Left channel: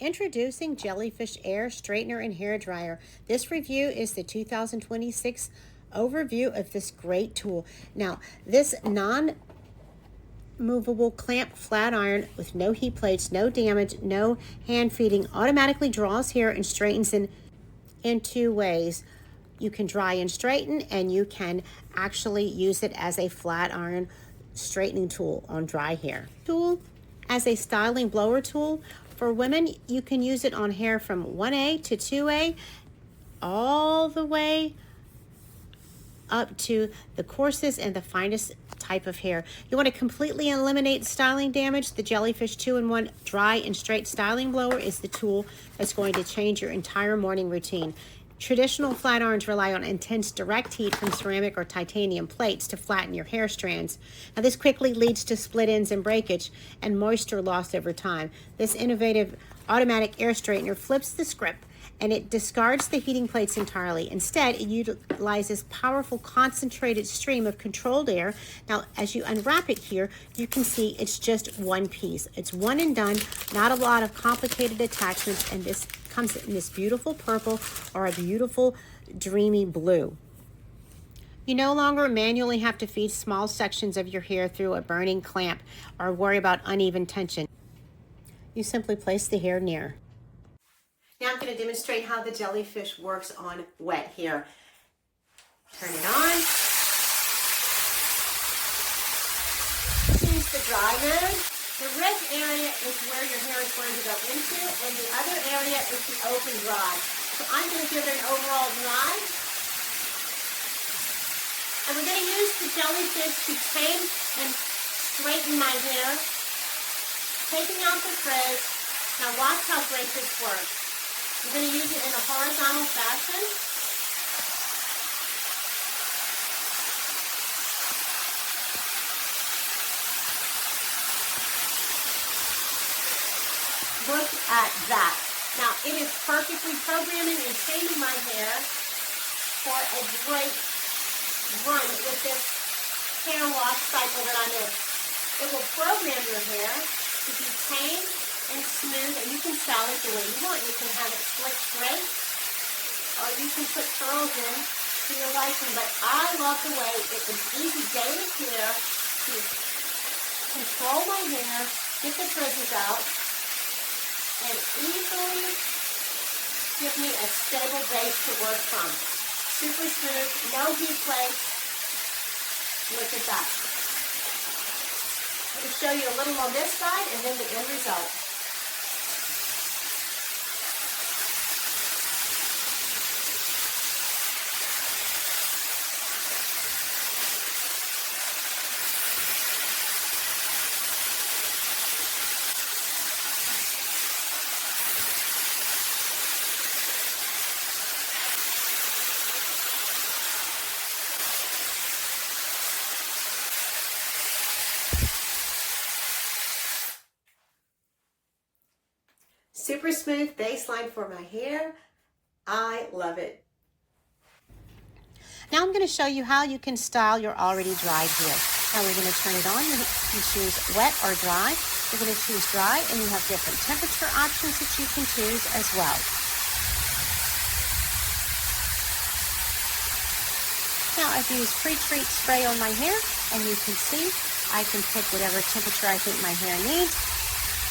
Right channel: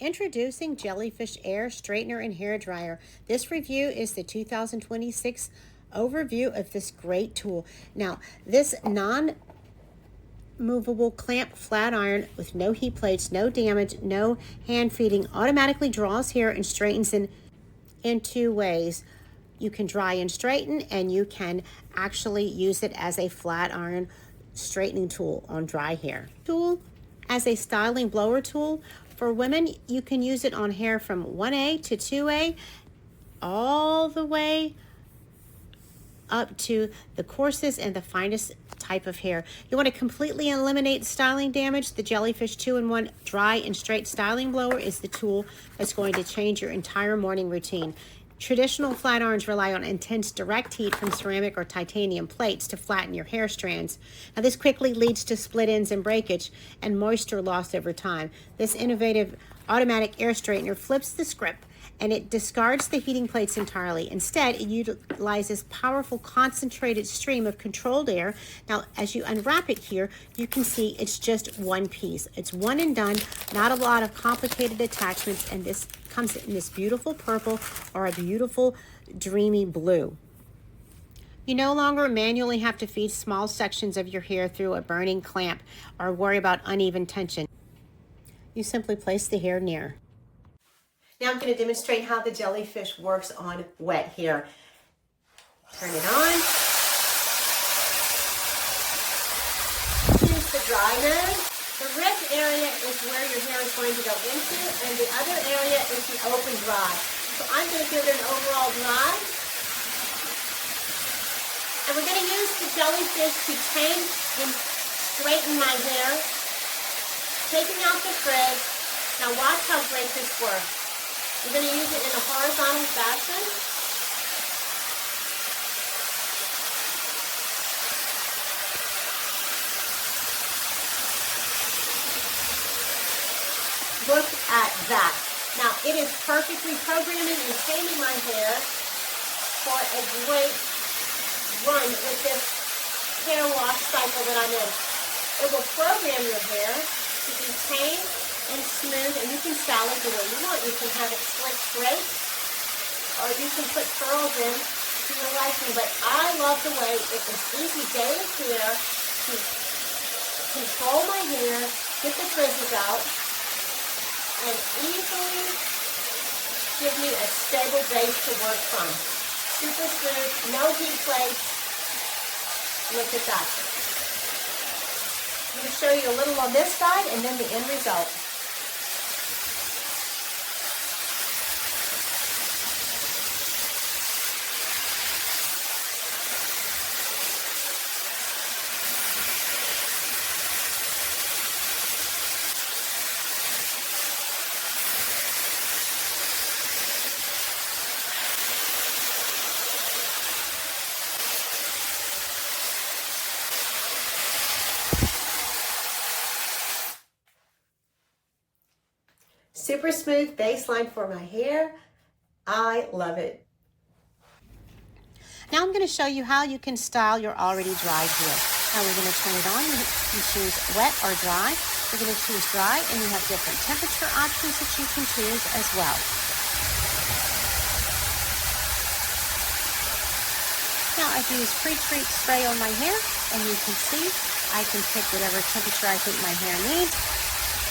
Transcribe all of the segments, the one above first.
Introducing Jellyfish Air Straightener and Hair Dryer. This review is the 2026 overview of this great tool. Now, this non-movable clamp flat iron with no heat plates, no damage, no hand feeding, automatically draws hair and straightens in two ways. You can dry and straighten, and you can actually use it as a flat iron straightening tool on dry hair. Tool as a styling blower tool. For women, you can use it on hair from 1A to 2A, all the way up to the coarsest and the finest type of hair. You want to completely eliminate styling damage? The Jellyfish 2-in-1 Dry and Straight Styling Blower is the tool that's going to change your entire morning routine. Traditional flat irons rely on intense direct heat from ceramic or titanium plates to flatten your hair strands. Now, this quickly leads to split ends and breakage and moisture loss over time. This innovative automatic air straightener flips the script and it discards the heating plates entirely. Instead, it utilizes powerful concentrated stream of controlled air. Now, as you unwrap it here, you can see it's just one piece. It's one and done, not a lot of complicated attachments, and this comes in this beautiful purple or a beautiful dreamy blue. You no longer manually have to feed small sections of your hair through a burning clamp or worry about uneven tension. You simply place the hair near. Now I'm going to demonstrate how the Jellyfish works on wet hair. Turn it on. Choose the dry mode. The red area is where your hair is going to go into, and the other area is the open dry. So I'm going to give it an overall dry. And we're going to use the Jellyfish to tame and straighten my hair, taking out the frizz. Now watch how great this works. We're going to use it in a horizontal fashion. Look at that. Now, it is perfectly programming and taming my hair for a great run with this hair wash cycle that I'm in. It will program your hair to be tame and smooth, and you can style it the way you want. You can have it slick straight, or you can put curls in to your liking. But I love the way it is easy daily care to control my hair, get the frizzes out, and easily give me a stable base to work from. Super smooth, no heat plates. Look at that. I'm going to show you a little on this side and then the end result. Super smooth baseline for my hair. I love it. Now I'm going to show you how you can style your already dried hair. Now we're going to turn it on. You can choose wet or dry. We're going to choose dry, and you have different temperature options that you can choose as well. Now I've used pre-treat spray on my hair, and you can see I can pick whatever temperature I think my hair needs.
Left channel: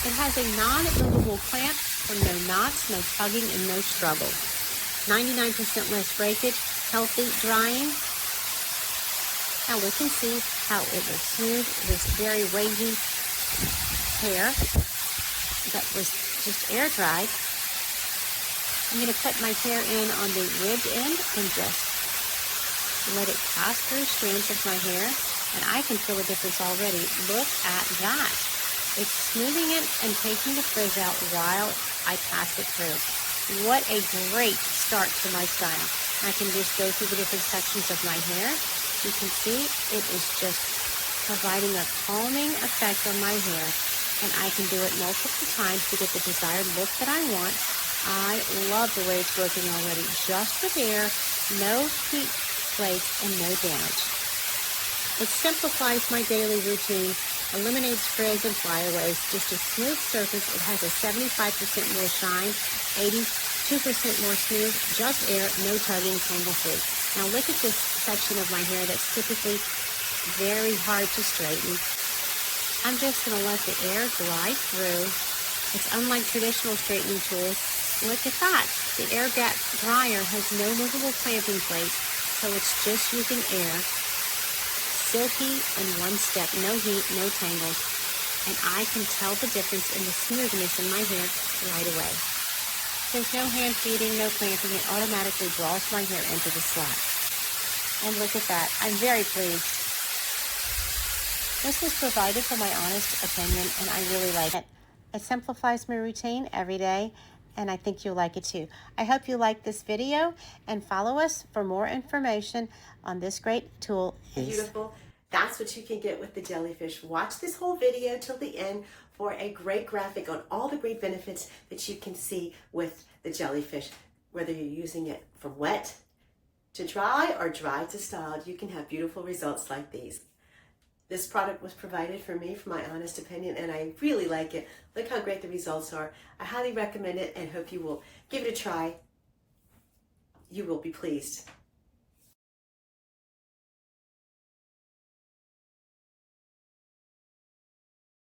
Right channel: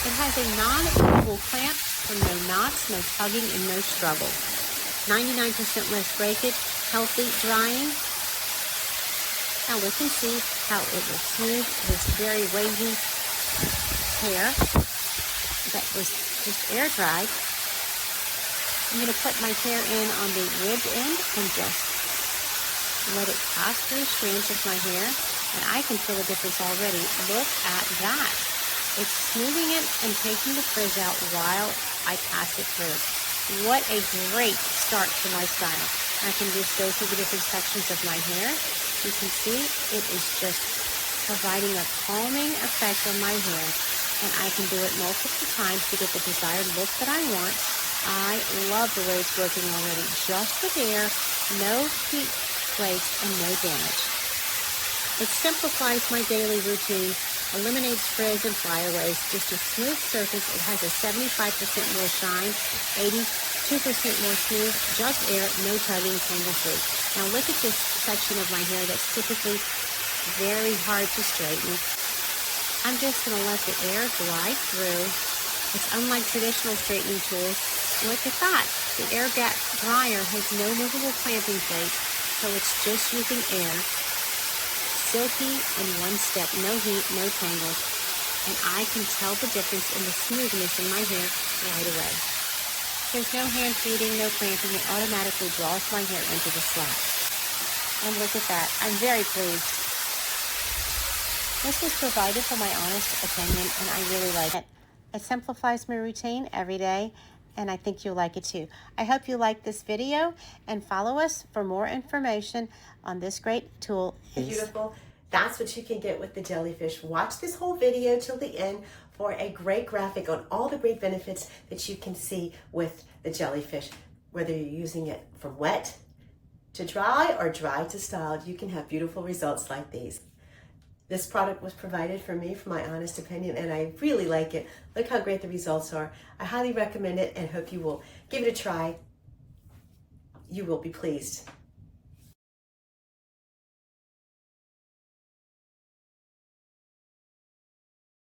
It has a non-movable clamp for no knots, no tugging, and no struggle. 99% less breakage, healthy drying. Now we can see how it will smooth this very wavy hair that was just air dried. I'm going to put my hair in on the ribbed end and just let it pass through strands of my hair, and I can feel a difference already. Look at that. It's smoothing it and taking the frizz out while I pass it through. What a great start to my style. I can just go through the different sections of my hair. You can see it is just providing a calming effect on my hair, and I can do it multiple times to get the desired look that I want. I love the way it's working already. Just with air, no heat plates, and no damage. It simplifies my daily routine, eliminates frizz and flyaways, just a smooth surface. It has a 75% more shine, 82% more smooth, just air, no tugging, tangle-free. Now look at this section of my hair that's typically very hard to straighten. I'm just going to let the air glide through. It's unlike traditional straightening tools. Look at that. The air gap dryer has no movable clamping plate, so it's just using air. Silky in one step, no heat, no tangles, and I can tell the difference in the smoothness in my hair right away. There's no hand feeding, no clamping. It automatically draws my hair into the slot. And look at that. I'm very pleased. This was provided for my honest opinion, and I really like it. It simplifies my routine every day, and I think you'll like it too. I hope you like this video, and follow us for more information on this great tool. Beautiful. That's what you can get with the Jellyfish. Watch this whole video till the end for a great graphic on all the great benefits that you can see with the Jellyfish. Whether you're using it from wet to dry or dry to styled, you can have beautiful results like these. This product was provided for me, for my honest opinion, and I really like it. Look how great the results are. I highly recommend it and hope you will give it a try. You will be pleased.